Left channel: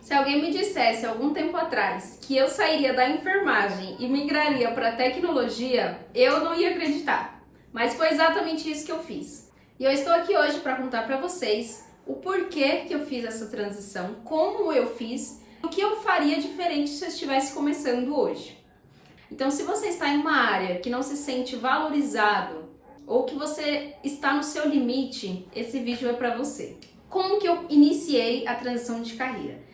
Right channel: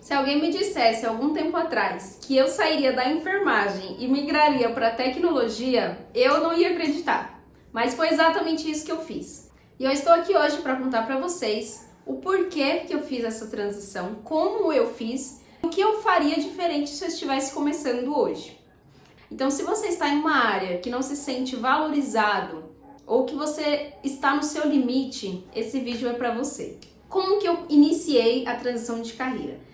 Se alguém me dissesse algum tempo atrás que eu sairia da enfermagem e migraria para a tecnologia, eu não ia acreditar. Mas foi exatamente isso que eu fiz. E eu estou aqui hoje para contar para vocês o porquê que eu fiz essa transição, como eu fiz, o que eu faria diferente se eu estivesse começando hoje. Então, se você está em uma área que não se sente valorizado ou que você está no seu limite, esse vídeo é para você. Como que eu iniciei a transição de carreira?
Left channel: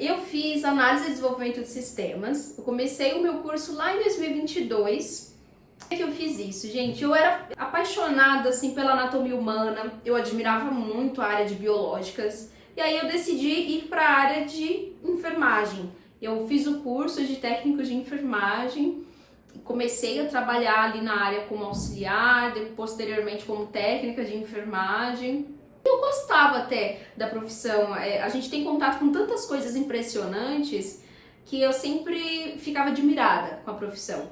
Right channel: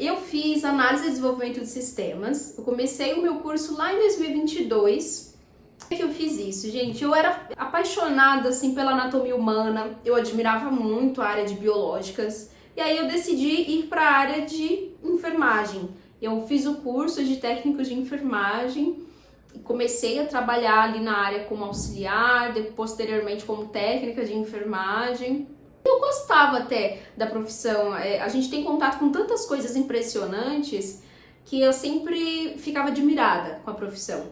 Eu fiz análise e desenvolvimento de sistemas. Eu comecei o meu curso lá em 2022. Por que eu fiz isso, gente? Eu era apaixonada assim pela anatomia humana. Eu admirava muito a área de biológicas. E aí eu decidi ir para a área de enfermagem. Eu fiz o curso de técnico de enfermagem. Comecei a trabalhar ali na área como auxiliar, posteriormente como técnica de enfermagem. Eu gostava até da profissão, a gente tem contato com tantas coisas impressionantes que eu sempre ficava admirada com a profissão.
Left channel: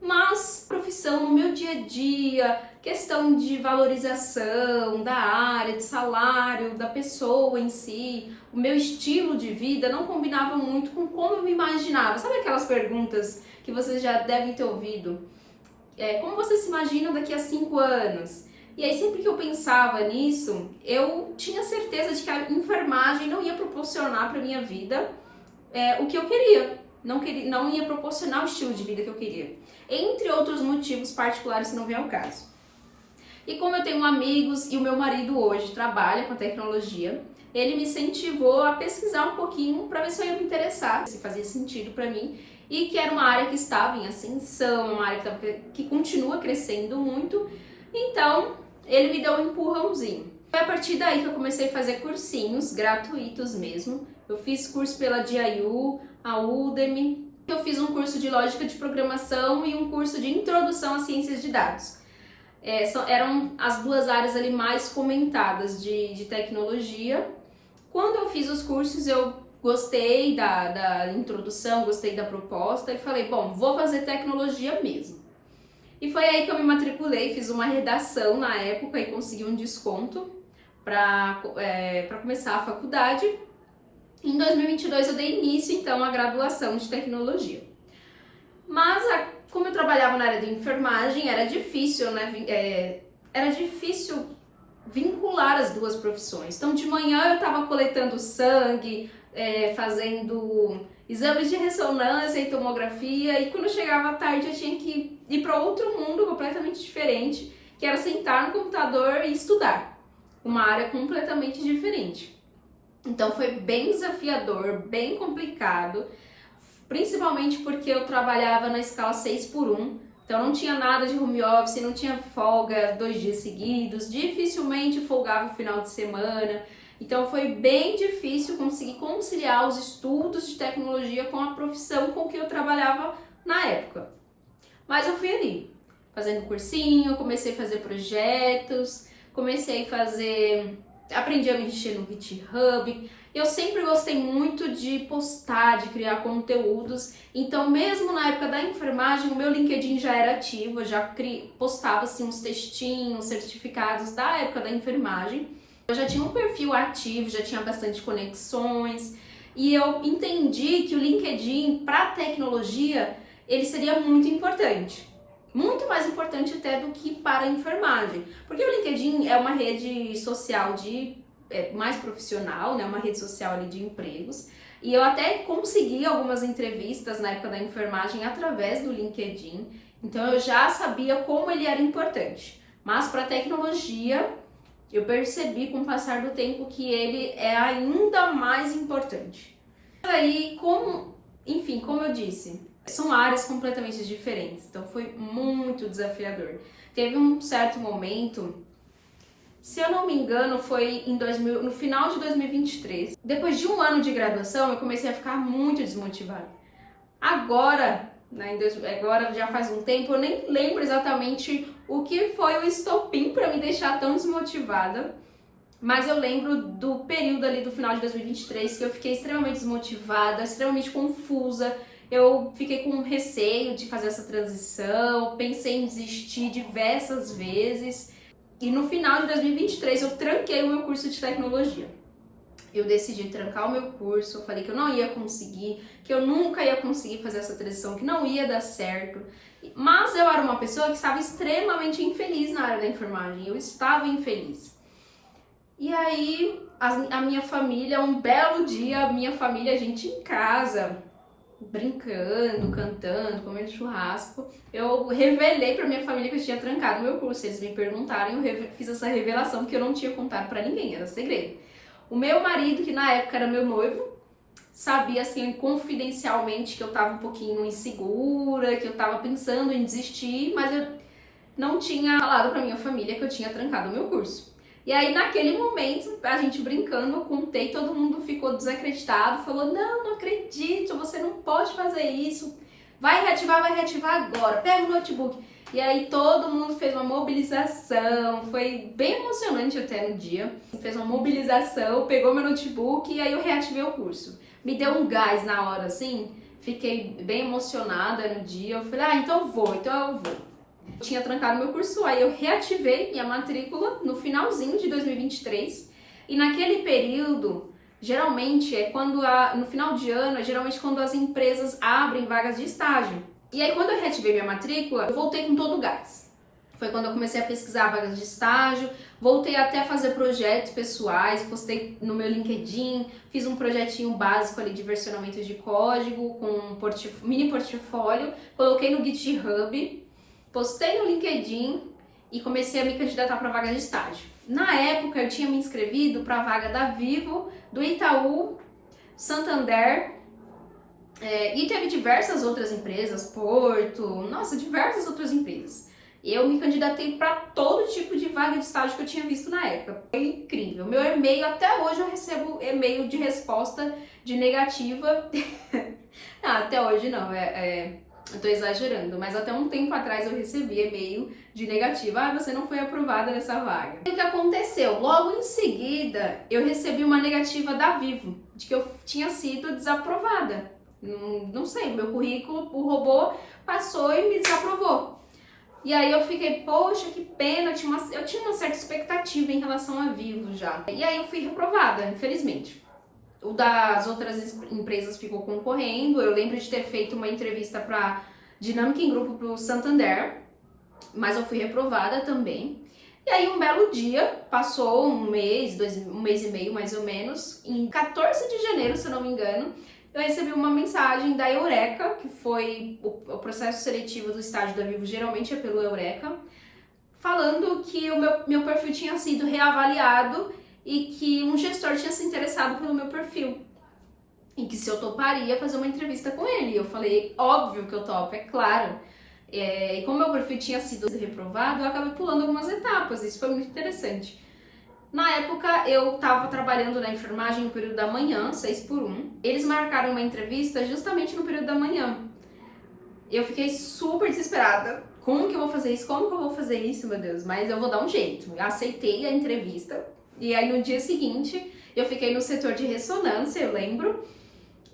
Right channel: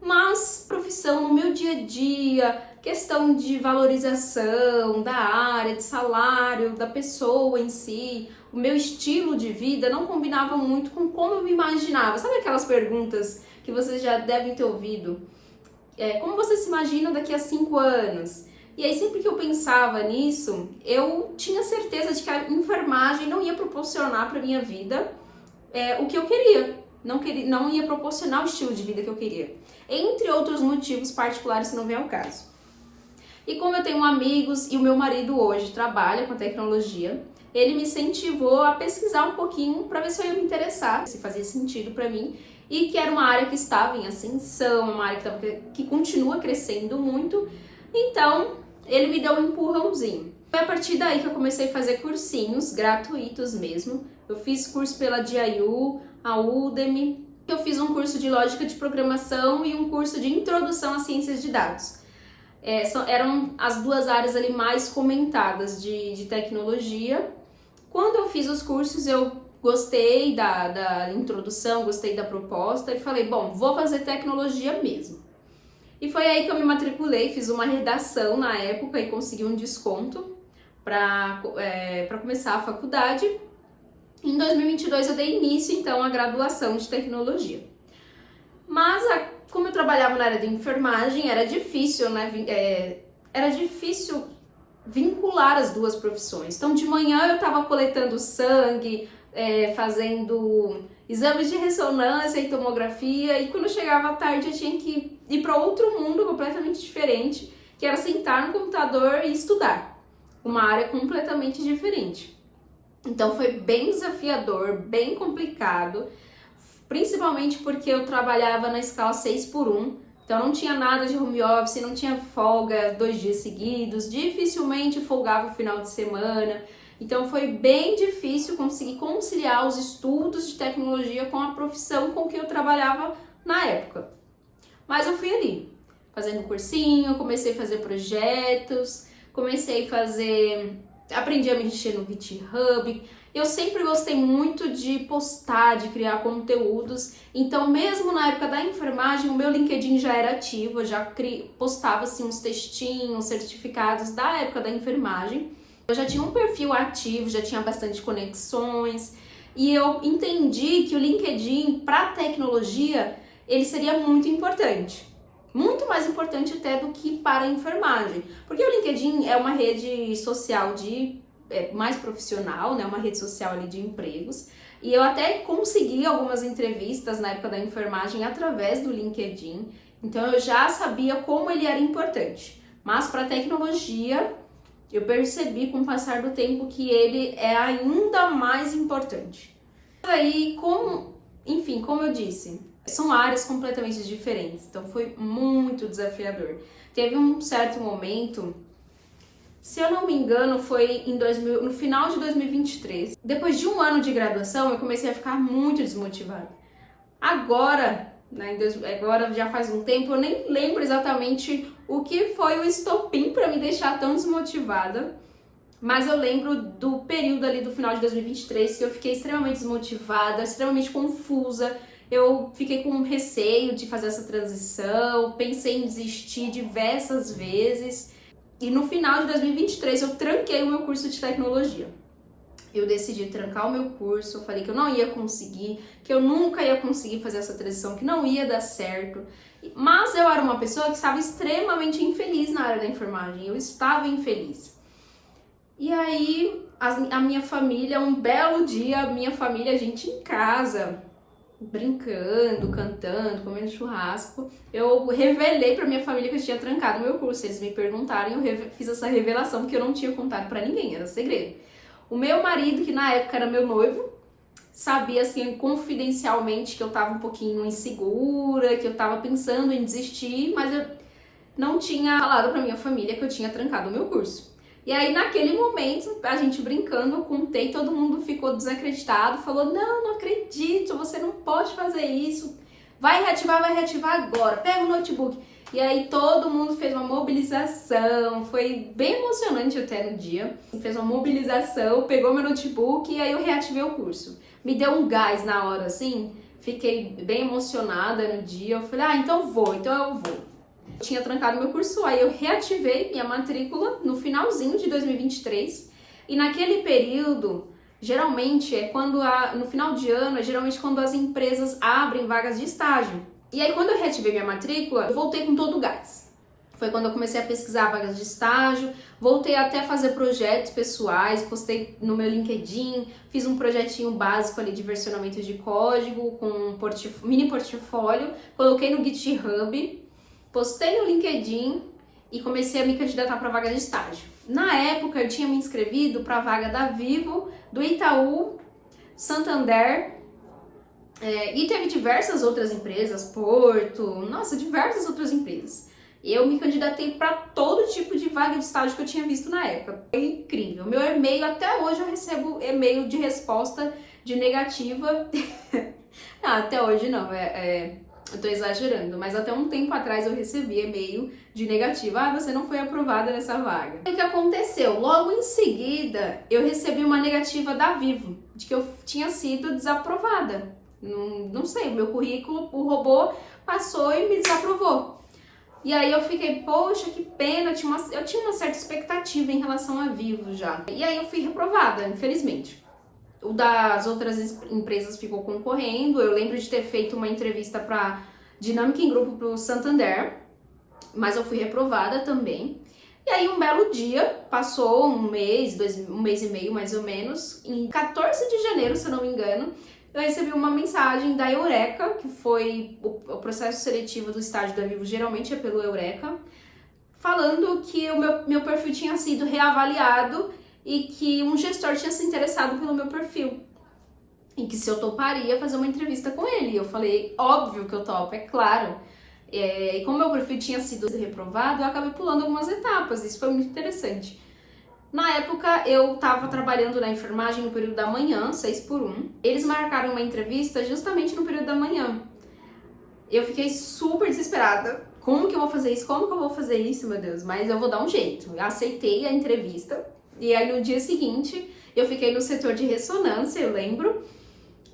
Mas profissão no meu dia a dia, questão de valorização da área, de salário, da pessoa em si, o meu estilo de vida não combinava muito com como eu me imaginava. Sabe aquelas perguntas que vocês já devem ter ouvido? Como você se imagina daqui a 5 anos? E aí, sempre que eu pensava nisso, eu tinha certeza de que a enfermagem não ia proporcionar para minha vida o que eu queria. Não ia proporcionar o estilo de vida que eu queria. Entre outros motivos particulares que não vem ao caso. E como eu tenho amigos e o meu marido hoje trabalha com tecnologia, ele me incentivou a pesquisar um pouquinho para ver se eu ia me interessar, se fazia sentido para mim. E que era uma área que estava em ascensão, uma área que continua crescendo muito. Então, ele me deu um empurrãozinho. Foi a partir daí que eu comecei a fazer cursinhos gratuitos mesmo. Eu fiz curso pela DIU, a Udemy. Eu fiz um curso de lógica de programação e um curso de introdução às ciências de dados. Eram as duas áreas ali mais comentadas de tecnologia. Quando eu fiz os cursos, eu gostei da introdução, gostei da proposta e falei, bom, vou fazer tecnologia mesmo. E foi aí que eu me matriculei, fiz uma redação na época e consegui um desconto para começar a faculdade. Em 2022 eu dei início então à graduação de tecnologia. Mas como eu trabalhava na área de enfermagem, era difícil, né? Era difícil vincular as duas profissões. Então de manhã eu estava coletando sangue, fazendo exames de ressonância e tomografia, e quando chegava à tarde eu tinha que ir para outro mundo completamente diferente, que era sentar no computador e estudar, uma área completamente diferente. Então foi bem desafiador, bem complicado, principalmente porque eu trabalhava na escala 6x1, então não tinha nada de home office, não tinha folga 2 dias seguidos, dificilmente folgava o final de semana. Então foi bem difícil conseguir conciliar os estudos de tecnologia com a profissão com que eu trabalhava na época. Mas eu fui ali, fazendo cursinho, comecei a fazer projetos, aprendi a mexer no GitHub. Eu sempre gostei muito de postar, de criar conteúdos. Então, mesmo na época da enfermagem, o meu LinkedIn já era ativo, eu já postava assim, uns textinhos, certificados da época da enfermagem. Eu já tinha um perfil ativo, já tinha bastante conexões e eu entendi que o LinkedIn para tecnologia ele seria muito importante, muito mais importante até do que para a enfermagem, porque o LinkedIn é uma rede social mais profissional, né, uma rede social ali de empregos, e eu até consegui algumas entrevistas na época da enfermagem através do LinkedIn, então eu já sabia como ele era importante, mas para a tecnologia eu percebi com o passar do tempo que ele é ainda mais importante. Aí, como eu disse, são áreas completamente diferentes, então foi muito desafiador. Teve um certo momento, se eu não me engano, foi no final de 2023. Depois de um ano de graduação, eu comecei a ficar muito desmotivada. Agora já faz um tempo, eu nem lembro exatamente o que foi o estopim para me deixar tão desmotivada, mas eu lembro do período ali do final de 2023 que eu fiquei extremamente desmotivada, extremamente confusa, eu fiquei com receio de fazer essa transição, pensei em desistir diversas vezes, e no final de 2023 eu tranquei o meu curso de tecnologia. eu decidi trancar o meu curso, eu falei que eu não ia conseguir, que eu nunca ia conseguir fazer essa transição, que não ia dar certo. Mas eu era uma pessoa que estava extremamente infeliz na área da enfermagem, eu estava infeliz. E aí, a minha família, um belo dia, a minha família, a gente em casa, brincando, cantando, comendo churrasco, eu revelei pra minha família que eu tinha trancado o meu curso. Eles me perguntaram e eu fiz essa revelação que eu não tinha contado pra ninguém, era segredo. O meu marido, que na época era meu noivo, sabia assim confidencialmente que eu tava um pouquinho insegura, que eu tava pensando em desistir, mas eu não tinha falado pra minha família que eu tinha trancado o meu curso. E aí, naquele momento, a gente brincando, eu contei, todo mundo ficou desacreditado, falou, não acredito, você não pode fazer isso, vai reativar agora, pega o notebook. E aí todo mundo fez uma mobilização, foi bem emocionante até no dia, fez uma mobilização, pegou meu notebook e aí eu reativei o curso. Me deu um gás na hora, assim, fiquei bem emocionada no dia, eu falei, então eu vou. Eu tinha trancado meu curso, aí eu reativei minha matrícula no finalzinho de 2023 e naquele período, geralmente é quando no final de ano, é geralmente quando as empresas abrem vagas de estágio. E aí quando eu reativei minha matrícula, eu voltei com todo o gás. Foi quando eu comecei a pesquisar vagas de estágio, voltei até a fazer projetos pessoais, postei no meu LinkedIn, fiz um projetinho básico ali de versionamento de código com um mini portfólio, coloquei no GitHub, postei no LinkedIn e comecei a me candidatar para vaga de estágio. Na época, eu tinha me inscrevido para a vaga da Vivo, do Itaú, Santander, e teve diversas outras empresas, diversas outras empresas. Eu me candidatei para todo tipo de vaga de estágio que eu tinha visto na época. Foi incrível. Meu e-mail, até hoje eu recebo e-mail de resposta de negativa. Não, até hoje não, eu tô exagerando, mas até um tempo atrás eu recebi e-mail de negativa. Você não foi aprovada nessa vaga. O que aconteceu? Logo em seguida, eu recebi uma negativa da Vivo, de que eu tinha sido desaprovada. Não sei, meu currículo, o robô passou e me desaprovou. E aí eu fiquei, poxa, que pena, eu tinha uma certa expectativa em relação a Vivo já. E aí eu fui reprovada, infelizmente. O das outras empresas ficou concorrendo. Eu lembro de ter feito uma entrevista para Dinâmica em Grupo pro Santander, mas eu fui reprovada também. E aí um belo dia, passou um mês e meio mais ou menos, em 14 de janeiro, se eu não me engano, eu recebi uma mensagem da Eureka, que foi o processo seletivo do estágio da Vivo, geralmente é pelo Eureka, falando que o meu perfil tinha sido reavaliado e que um gestor tinha se interessado pelo meu perfil. E que se eu toparia fazer uma entrevista com ele. Eu falei, óbvio que eu topo, é claro. E como meu perfil tinha sido reprovado, eu acabei pulando algumas etapas, isso foi muito interessante. Na época, eu estava trabalhando na enfermagem no período da manhã, 6x1. Eles marcaram uma entrevista justamente no período da manhã. Eu fiquei super desesperada. Como que eu vou fazer isso? Como que eu vou fazer isso, meu Deus? Mas eu vou dar um jeito. Eu aceitei a entrevista. E aí, no dia seguinte, eu fiquei no setor de ressonância, eu lembro.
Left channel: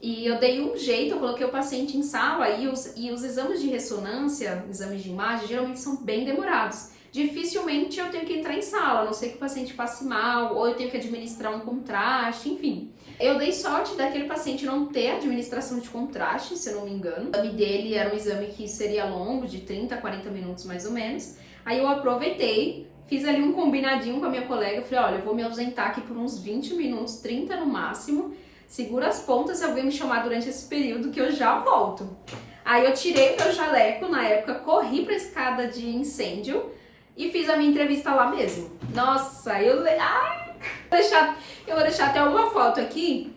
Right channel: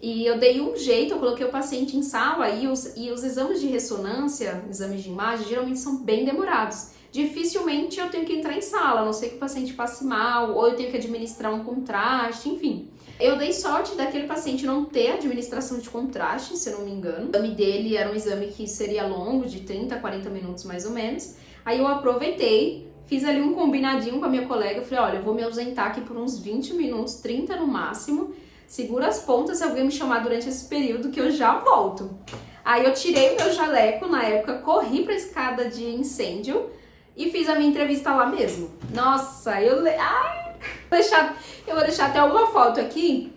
E eu dei um jeito, eu coloquei o paciente em sala e os exames de ressonância, exames de imagem, geralmente são bem demorados. Dificilmente eu tenho que entrar em sala, a não ser que o paciente passe mal, ou eu tenho que administrar um contraste, enfim. Eu dei sorte daquele paciente não ter administração de contraste, se eu não me engano. O exame dele era um exame que seria longo, de 30 a 40 minutos mais ou menos. Aí eu aproveitei, fiz ali um combinadinho com a minha colega, falei, olha, eu vou me ausentar aqui por uns 20 minutos, 30 no máximo, segura as pontas se alguém me chamar durante esse período que eu já volto. Aí eu tirei meu jaleco, na época, corri pra escada de incêndio, e fiz a minha entrevista lá mesmo. Nossa, eu vou deixar até uma foto aqui,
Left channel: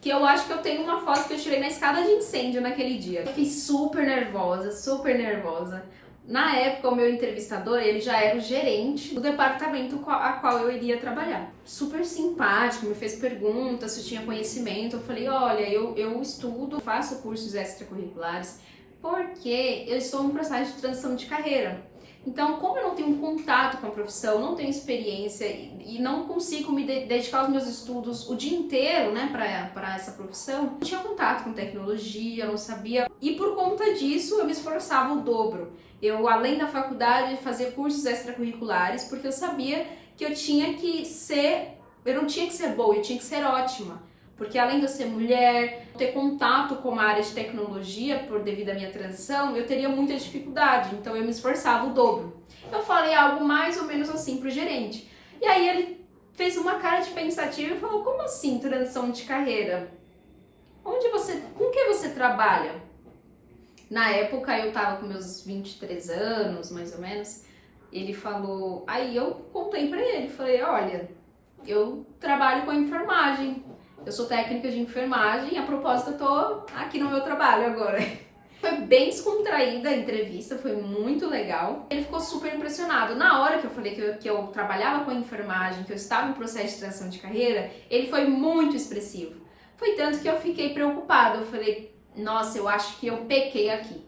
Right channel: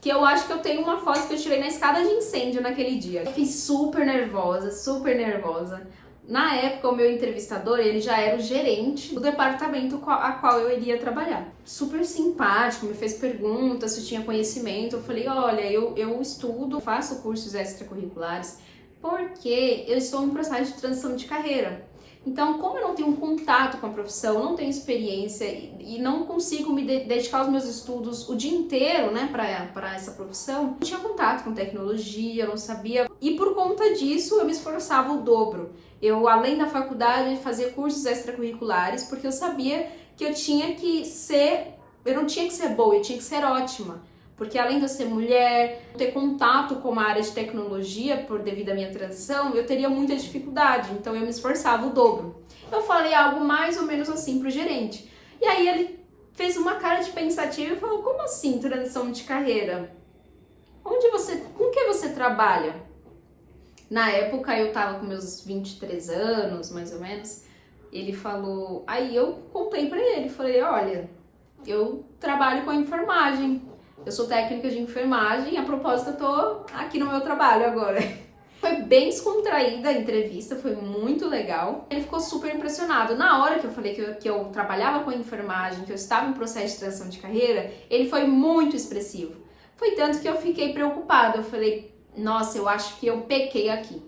que eu acho que eu tenho uma foto que eu tirei na escada de incêndio naquele dia. Fiquei super nervosa, super nervosa. Na época, o meu entrevistador, ele já era o gerente do departamento a qual eu iria trabalhar. Super simpático, me fez perguntas se eu tinha conhecimento. Eu falei, olha, eu estudo, faço cursos extracurriculares, porque eu estou em um processo de transição de carreira. Então, como eu não tenho contato com a profissão, não tenho experiência e não consigo me dedicar aos meus estudos o dia inteiro, né, para essa profissão, não tinha contato com tecnologia, eu não sabia. E por conta disso, eu me esforçava o dobro. Eu, além da faculdade, fazia cursos extracurriculares, porque eu sabia que eu tinha que ser eu não tinha que ser boa, eu tinha que ser ótima. Porque além de eu ser mulher, ter contato com a área de tecnologia, devido à minha transição, eu teria muita dificuldade, então eu me esforçava o dobro. Eu falei algo mais ou menos assim pro gerente. E aí ele fez uma cara de pensativo e falou, como assim transição de carreira? Com que você trabalha? Na época eu tava com meus 23 anos, mais ou menos. Ele falou, aí eu contei pra ele, falei, olha, eu trabalho com enfermagem. Eu sou técnica de enfermagem e a propósito eu tô aqui no meu trabalho agora. Foi bem descontraída a entrevista, foi muito legal. Ele ficou super impressionado. Na hora que eu falei que eu trabalhava com enfermagem, que eu estava em processo de transição de carreira, ele foi muito expressivo. Foi tanto que eu fiquei preocupada. Eu falei, nossa, eu acho que eu pequei aqui.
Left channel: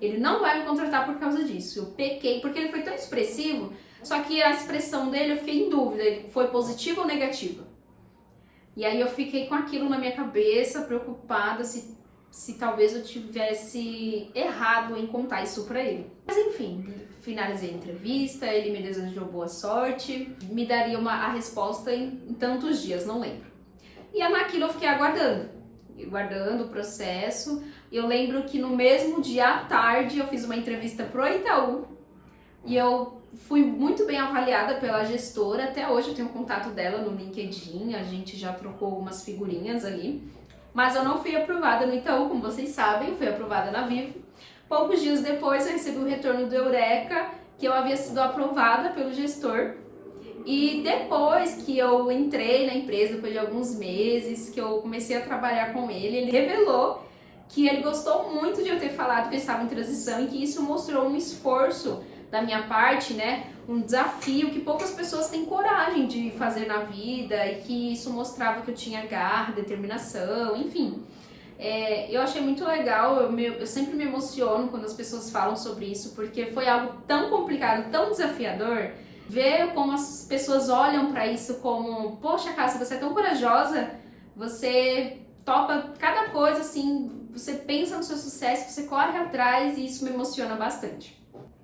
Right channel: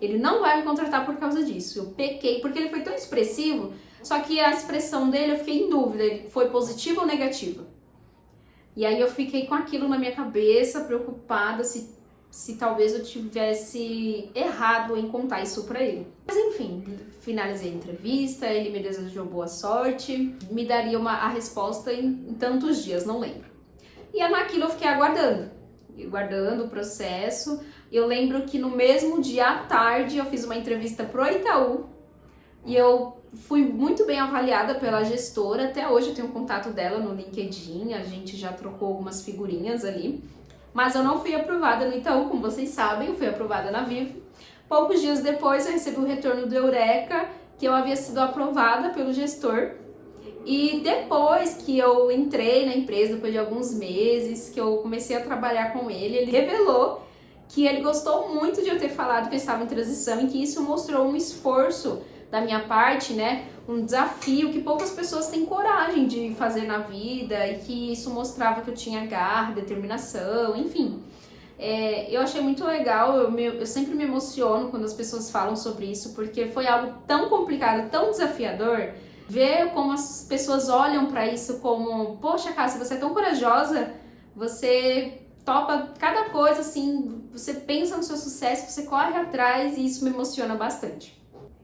Ele não vai me contratar por causa disso. Eu pequei, porque ele foi tão expressivo, só que a expressão dele eu fiquei em dúvida, ele foi positiva ou negativa. E aí eu fiquei com aquilo na minha cabeça, preocupada se talvez eu tivesse errado em contar isso pra ele. Mas enfim, finalizei a entrevista, ele me desejou boa sorte, me daria a resposta em tantos dias, não lembro. E naquilo eu fiquei aguardando o processo. Eu lembro que no mesmo dia à tarde eu fiz uma entrevista pro Itaú e eu fui muito bem avaliada pela gestora. Até hoje eu tenho contato dela no LinkedIn, a gente já trocou algumas figurinhas ali. Mas eu não fui aprovada no Itaú, como vocês sabem, eu fui aprovada na Vivo. Poucos dias depois eu recebi o retorno do Eureka, que eu havia sido aprovada pelo gestor. E depois que eu entrei na empresa, depois de alguns meses, que eu comecei a trabalhar com ele revelou que ele gostou muito de eu ter falado que eu estava em transição e que isso mostrou um esforço da minha parte, né? Um desafio que poucas pessoas têm coragem de fazer na vida e que isso mostrava que eu tinha garra, determinação, enfim. Eu achei muito legal, eu sempre me emociono quando as pessoas falam sobre isso, porque foi algo tão complicado, tão desafiador, ver como as pessoas olham para isso como, poxa, Cássia, você é tão corajosa, você topa cada coisa, assim, você pensa no seu sucesso, você corre atrás e isso me emociona bastante.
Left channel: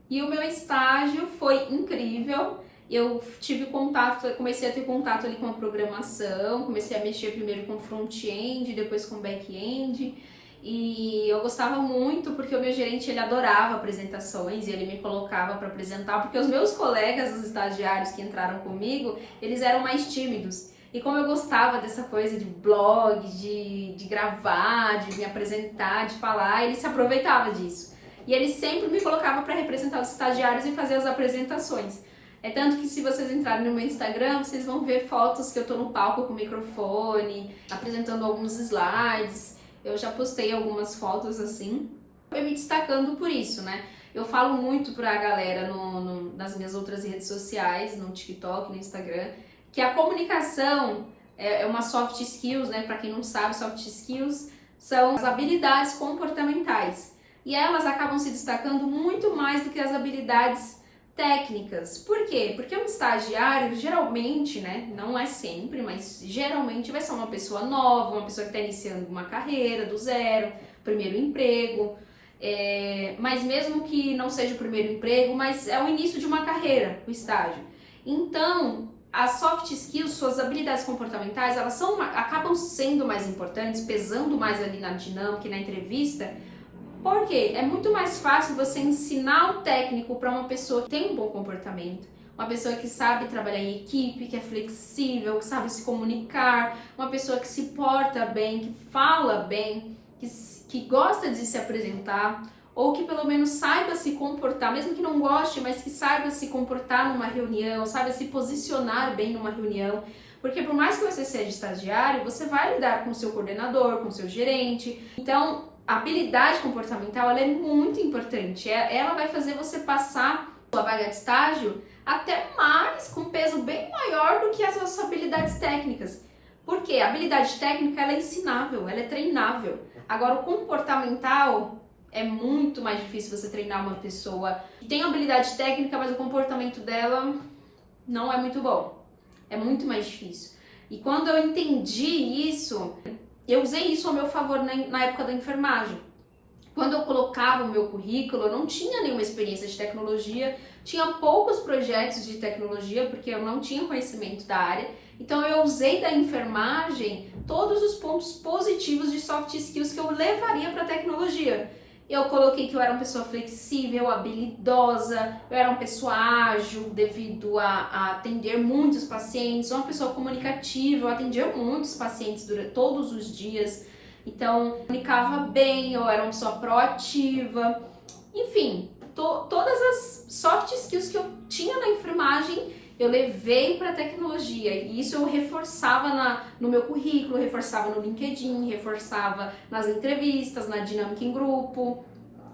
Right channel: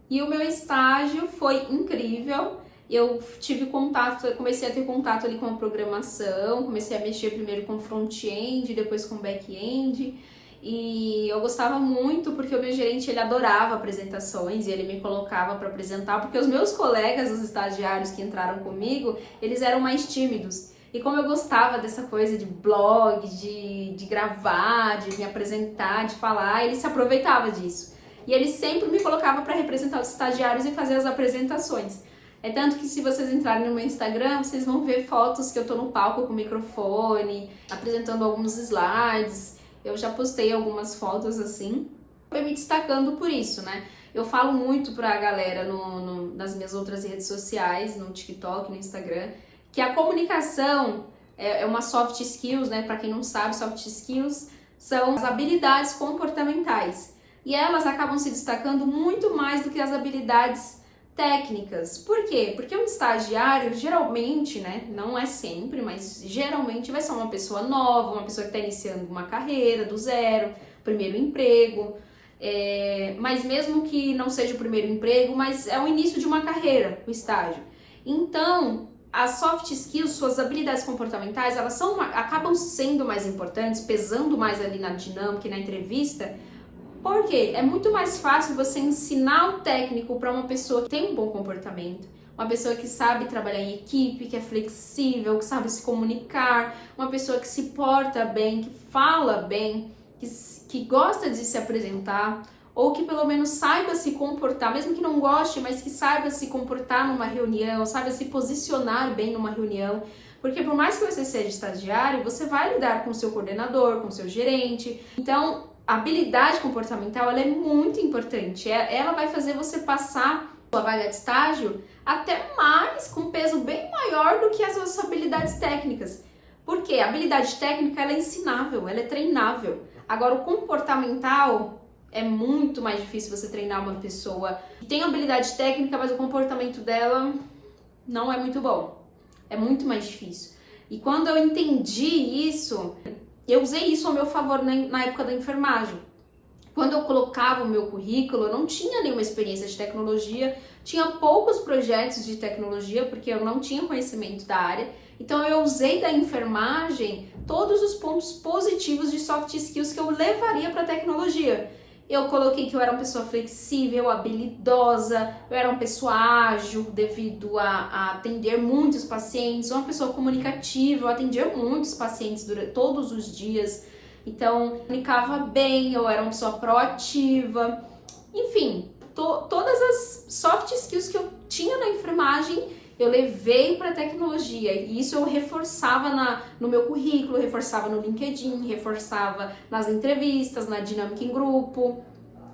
E o meu estágio foi incrível, eu tive contato, comecei a ter contato ali com a programação, comecei a mexer primeiro com front-end, depois com back-end, e eu gostava muito porque o meu gerente, ele adorava apresentações e ele me colocava para apresentar, porque os meus colegas, os estagiários que entraram comigo, eles eram mais tímidos. E como eu gostava dessa coisa de blog, de gravar, de me apresentar, de falar, ele se aproveitava disso. E ele sempre me colocava para representar os estagiários e fazer as apresentações. É tanto que se vocês entrarem no meu Instagram, vocês vão ver fotos que eu tô no palco com o microfone, apresentando alguns slides. Eu já postei algumas fotos assim. Eu me destacando por isso, né? Eu falo muito pra galera nas minhas outras redes sociais, no TikTok, no Instagram, que a comunicação é uma soft skills, né? Pra quem não sabe, soft skills são as habilidades comportamentais. E elas acabam se destacando muito mais do que as habilidades técnicas. Por quê? Porque um estagiário, geralmente, né, não é sempre, mas geralmente vai ser uma pessoa nova, uma pessoa que está iniciando uma carreira do zero, primeiro emprego, mas mesmo que não seja o primeiro emprego, mas é o início de uma carreira, o estágio. Então, as soft skills, suas habilidades comportamentais, elas acabam sendo mais importantes, pesando mais ali na dinâmica e na entrevista. Por quê? É muito mais fácil você ensinar o técnico para uma pessoa que tem um bom comportamento, uma pessoa que sabe trabalhar em equipe, que é flexível, que sabe se comunicar, uma pessoa que se porta bem, que fala bem, que gosta de se apresentar, ou que pelo menos saiba se comportar, mesmo que não goste, mas que saiba se comportar numa reunião, saiba se posicionar bem numa reunião. Porque por mais que você seja estagiário, você vai lidar com o seu coordenador, com o seu gerente. Então, a habilidade comportamental, ela é muito importante. Ela vai fazer você passar a vaga de estágio até mais, com peso bem maior do que as suas habilidades técnicas. Porque a habilidade técnica, ela é ensinável, ela é treinável. Agora, o comportamental é muito mais difícil você treinar uma pessoa que tem habilidade técnica, mas o comportamento dela não é muito bom. É muito mais difícil. E quando eu entendi isso, eu usei isso ao meu favor na época da enfermagem. Quando eu colocava o meu currículo, eu não tinha nenhuma experiência de tecnologia, tinha poucos projetos de tecnologia, porque eu não tinha conhecimento da área. Então eu usei da enfermagem todos os pontos positivos de soft skills que eu levaria para a tecnologia. Eu coloquei que eu era uma pessoa flexível, habilidosa, eu era uma pessoa ágil devido a atender muitos pacientes, uma pessoa comunicativa, eu atendia muitos pacientes todos os dias, então comunicava bem, eu era uma pessoa proativa, enfim, todas as soft skills que eu tinha na enfermagem eu levei para a tecnologia e isso eu reforçava no meu currículo, reforçava no LinkedIn, reforçava nas entrevistas, na dinâmica em grupo.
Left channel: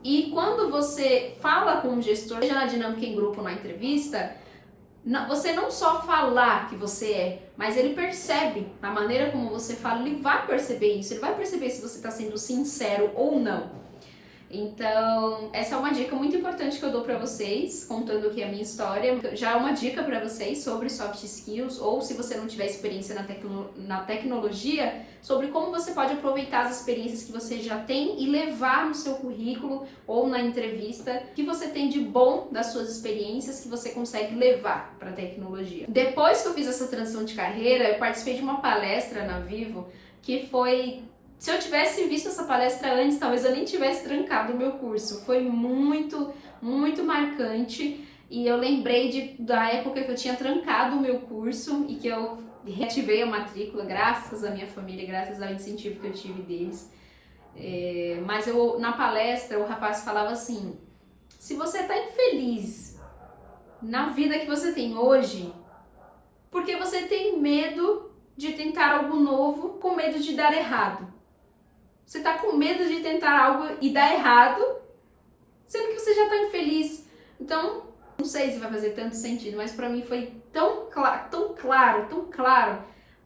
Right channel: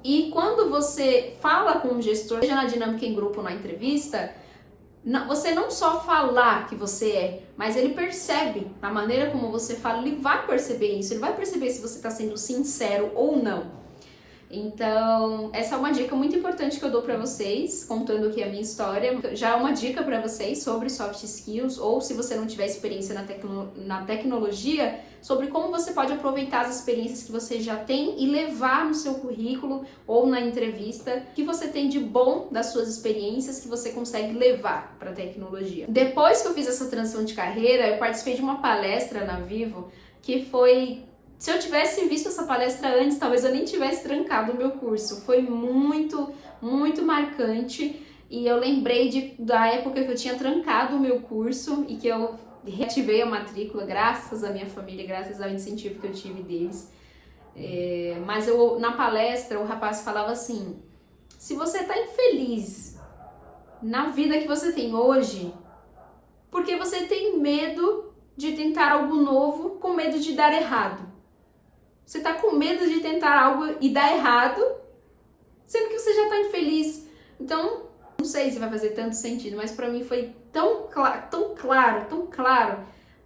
E quando você fala com um gestor, seja na dinâmica em grupo ou na entrevista, você não só falar que você é, mas ele percebe, na maneira como você fala, ele vai perceber isso, ele vai perceber se você está sendo sincero ou não. Então, essa é uma dica muito importante que eu dou para vocês, contando aqui a minha história. Já é uma dica para vocês sobre soft skills, ou se você não tiver experiência na tecnologia, sobre como você pode aproveitar as experiências que você já tem e levar no seu currículo ou na entrevista que você tem de bom das suas experiências que você consegue levar para a tecnologia. Depois que eu fiz essa transição de carreira, eu participei de uma palestra na Vivo que foi... Se eu tivesse visto essa palestra antes, talvez eu nem tivesse trancado o meu curso. Foi muito, muito marcante e eu lembrei da época que eu tinha trancado o meu curso e que eu reativei a matrícula graças à minha família, graças ao incentivo que eu tive deles. Mas na palestra o rapaz falava assim, se você está infeliz na vida que você tem hoje, porque você tem medo de tentar algo novo com medo de dar errado. Você tá com medo de tentar algo e dar errado, sendo que você já tá infeliz. Então, não sei se vai fazer tanto sentido, mas pra mim foi tão claro.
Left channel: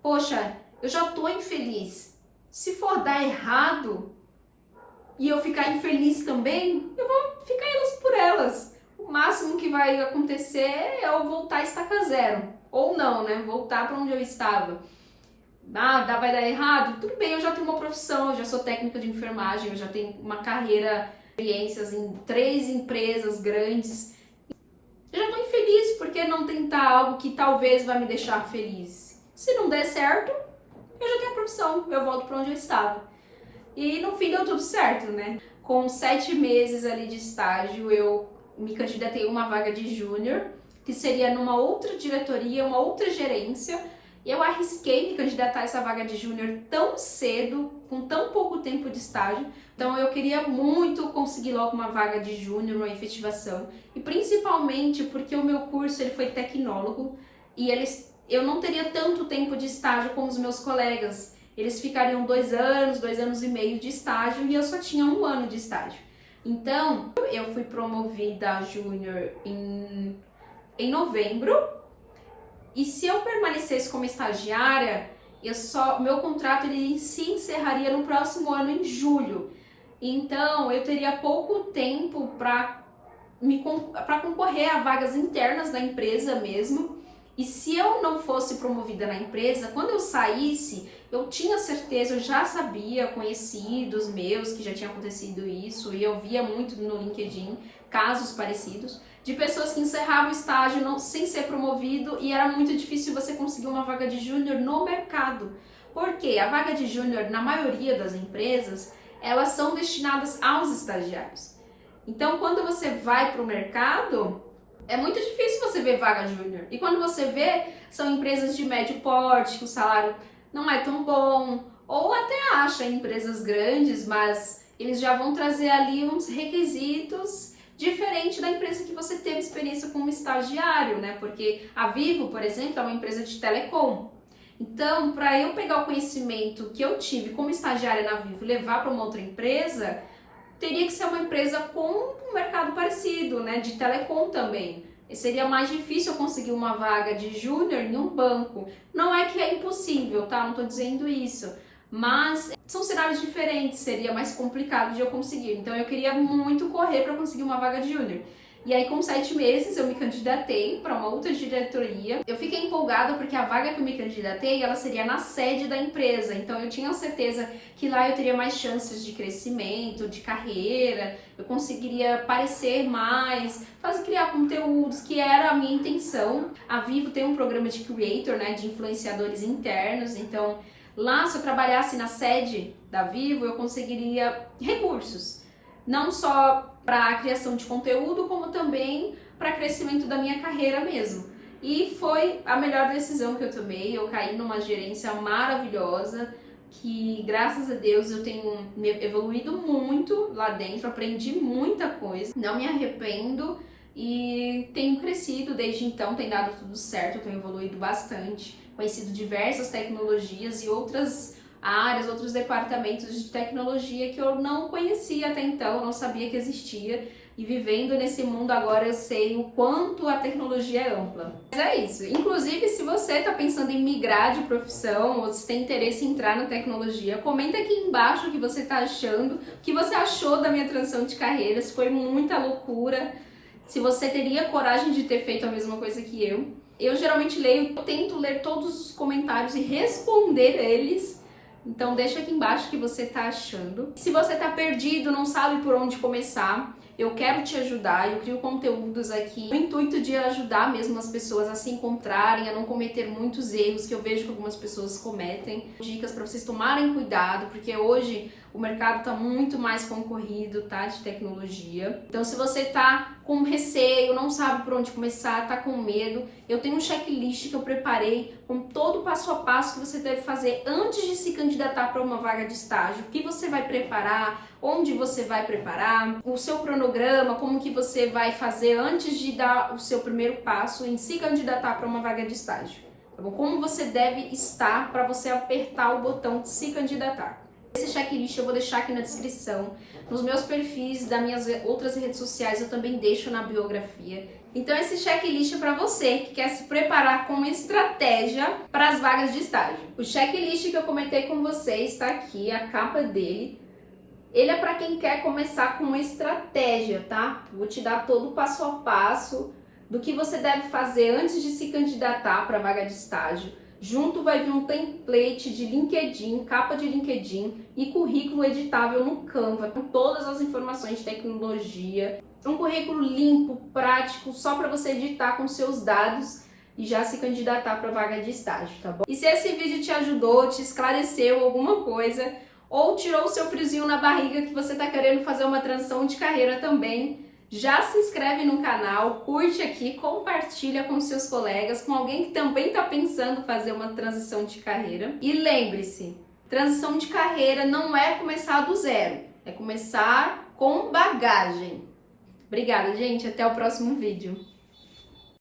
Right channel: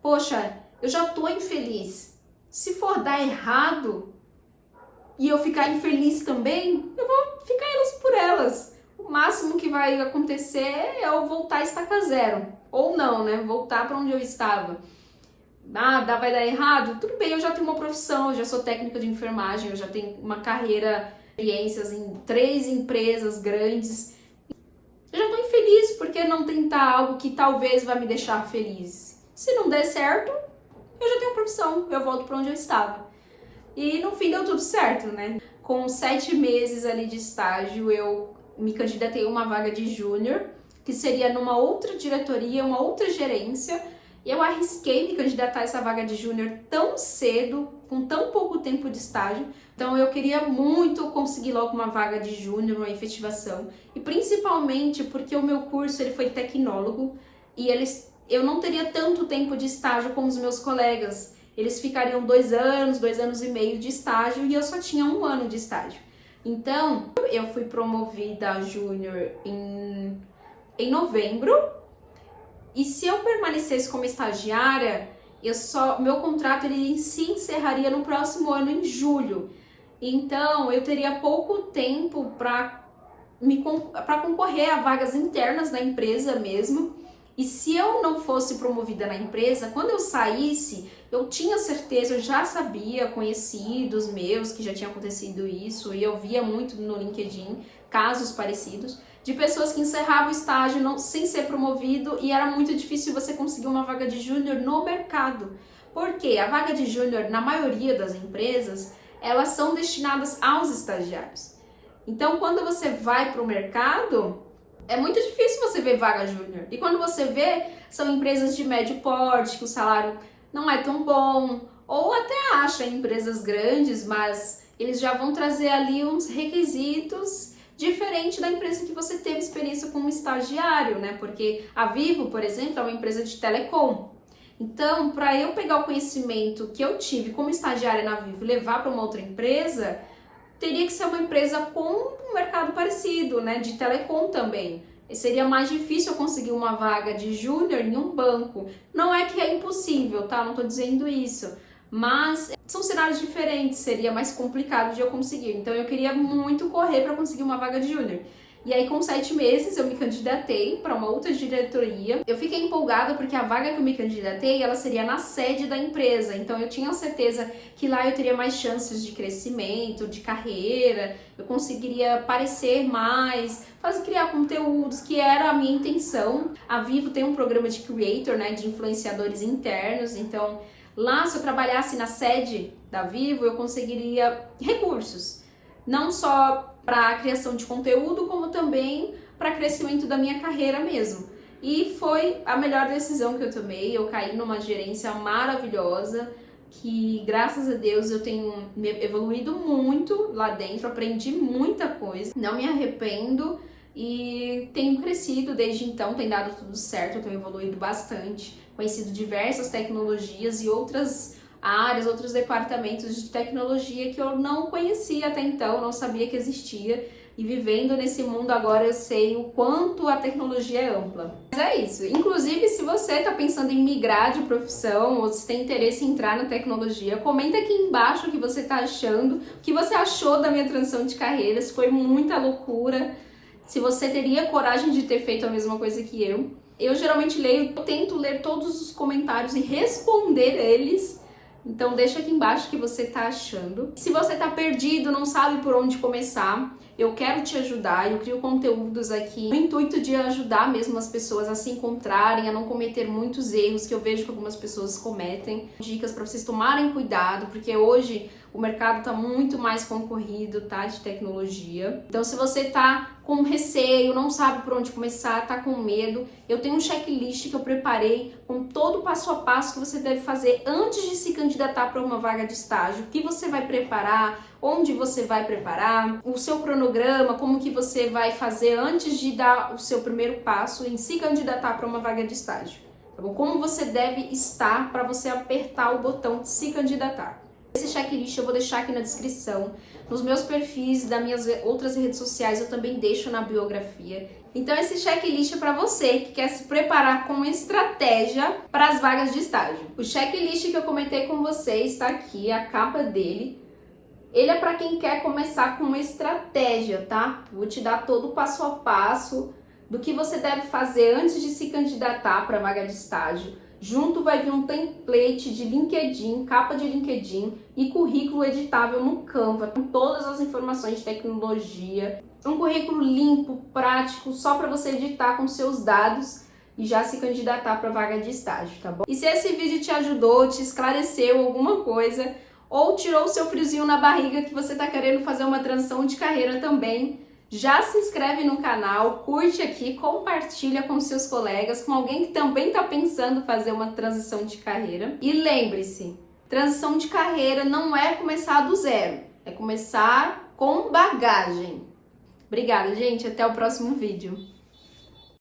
Poxa, eu já tô infeliz. Se for dar errado e eu ficar infeliz também, eu vou ficar elas por elas. O máximo que vai acontecer é eu voltar a estaca zero. Ou não, né? Voltar pra onde eu estava. Vai dar errado? Tudo bem, eu já tenho uma profissão, eu já sou técnica de enfermagem, eu já tenho uma carreira, experiências em 3 empresas grandes. Eu já tô infeliz, por que não tentar algo que talvez vai me deixar feliz? Se não der certo, eu já tenho a profissão, eu volto para onde eu estava. E no fim deu tudo certo, né? Com 7 meses ali de estágio, eu me candidatei a uma vaga de júnior, que seria numa outra diretoria, uma outra gerência. Eu arrisquei me candidatar a essa vaga de júnior tão cedo, com tão pouco tempo de estágio. Então eu queria muito conseguir logo uma vaga de júnior, uma efetivação. E principalmente porque o meu curso ele foi tecnólogo e eu não teria tanto tempo de estágio como os meus colegas. Eles ficariam 2 anos, 2 anos e meio de estágio e eu só tinha 1 ano de estágio. Então eu fui promovida a júnior em novembro. E se eu permanecesse como estagiária, meu contrato ele se encerraria no próximo ano, em julho. Então, eu teria pouco tempo para concorrer a vagas internas da empresa mesmo. E se eu não fosse promovida na empresa, quando eu saísse, eu tinha certeza, eu já sabia, conhecidos meus que já tinha acontecido isso, e eu via muito no LinkedIn casos parecidos, de pessoas que encerravam o estágio sem ser promovido e era muito difícil você conseguir uma vaga de júnior no mercado. Porque a vaga de júnior, na maioria das empresas, elas são destinadas aos estagiários. Então, quando você vai para o mercado, é muito difícil você ver vaga júnior. E quando você vê, são empresas de médio porte, que o salário não é tão bom, ou até acha empresas grandes, mas eles já vão trazer ali uns requisitos diferente da empresa que você teve experiência como estagiário, né? Porque a Vivo, por exemplo, é uma empresa de telecom. Então, para eu pegar o conhecimento que eu tive como estagiária na Vivo e levar para uma outra empresa, teria que ser uma empresa com um mercado parecido, né? De telecom também. E seria mais difícil eu conseguir uma vaga de júnior em um banco. Não é que é impossível, tá? Não estou dizendo isso. Mas são cenários diferentes, seria mais complicado de eu conseguir. Então eu queria muito correr para conseguir uma vaga de júnior. E aí, com 7 meses, eu me candidatei para uma outra diretoria. Eu fiquei empolgada porque a vaga que eu me candidatei, ela seria na sede da empresa. Então, eu tinha certeza que lá eu teria mais chances de crescimento, de carreira, eu conseguiria aparecer mais, criar conteúdos, que era a minha intenção. A Vivo tem um programa de creator, né, de influenciadores internos. Então, lá, se eu trabalhasse na sede da Vivo, eu conseguiria recursos. Não só para a criação de conteúdo, como também para crescimento da minha carreira mesmo. E foi a melhor decisão que eu tomei. Eu caí numa gerência maravilhosa, que graças a Deus eu tenho evoluído muito lá dentro, aprendi muita coisa, não me arrependo e tenho crescido desde então, tem dado tudo certo, eu tenho evoluído bastante, conhecido diversas tecnologias e outras áreas, outros departamentos de tecnologia que eu não conhecia até então, não sabia que existia. E vivendo nesse mundo agora eu sei o quanto a tecnologia é ampla. Mas é isso. Inclusive, se você está pensando em migrar de profissão ou se tem interesse em entrar na tecnologia, comenta aqui embaixo o que você está achando, o que você achou da minha transição de carreira, se foi muita loucura, se você teria coragem de ter feito a mesma coisa que eu. Eu geralmente tento ler todos os comentários e responder eles. Então deixa aqui embaixo o que você tá achando. Se você tá perdido, não sabe por onde começar, eu quero te ajudar. Eu crio conteúdos aqui no intuito de ajudar mesmo as pessoas a se encontrarem, a não cometer muitos erros que eu vejo que algumas pessoas cometem. Dicas para vocês tomarem cuidado, porque hoje o mercado tá muito mais concorrido, tá? De tecnologia. Então, se você tá com receio, não sabe por onde começar, tá com medo, eu tenho um checklist que eu preparei com todo o passo a passo que você deve fazer antes de se candidatar para uma vaga de estágio. O que você vai preparar, onde você vai preparar, o seu cronograma, como que você vai fazer antes de dar o seu primeiro passo em se candidatar para uma vaga de estágio. Tá bom? Como você deve estar para você apertar o botão de se candidatar. Esse checklist eu vou deixar aqui na descrição. Nos meus perfis das minhas outras redes sociais eu também deixo na biografia. Então esse checklist é para você que quer se preparar com estratégia para as vagas de estágio. O checklist que eu comentei com vocês está aqui, a capa dele. Ele é para quem quer começar com uma estratégia, tá? Vou te dar todo o passo a passo do que você deve fazer antes de se candidatar para a vaga de estágio. Junto vai vir um template de LinkedIn, capa de LinkedIn e currículo editável no Canva, com todas as informações de tecnologia. Um currículo limpo, prático, só para você editar com seus dados e já se candidatar para a vaga de estágio, tá bom? E se esse vídeo te ajudou, te esclareceu alguma coisa, ou tirou o seu friozinho na barriga que você está querendo fazer uma transição de carreira também, já se inscreve no canal, curte aqui, compartilha com seus colegas, com alguém que também está pensando em fazer uma transição de carreira. E lembre-se, transição de carreira não é começar do zero, é começar com bagagem. Obrigada, gente. Até o próximo vídeo.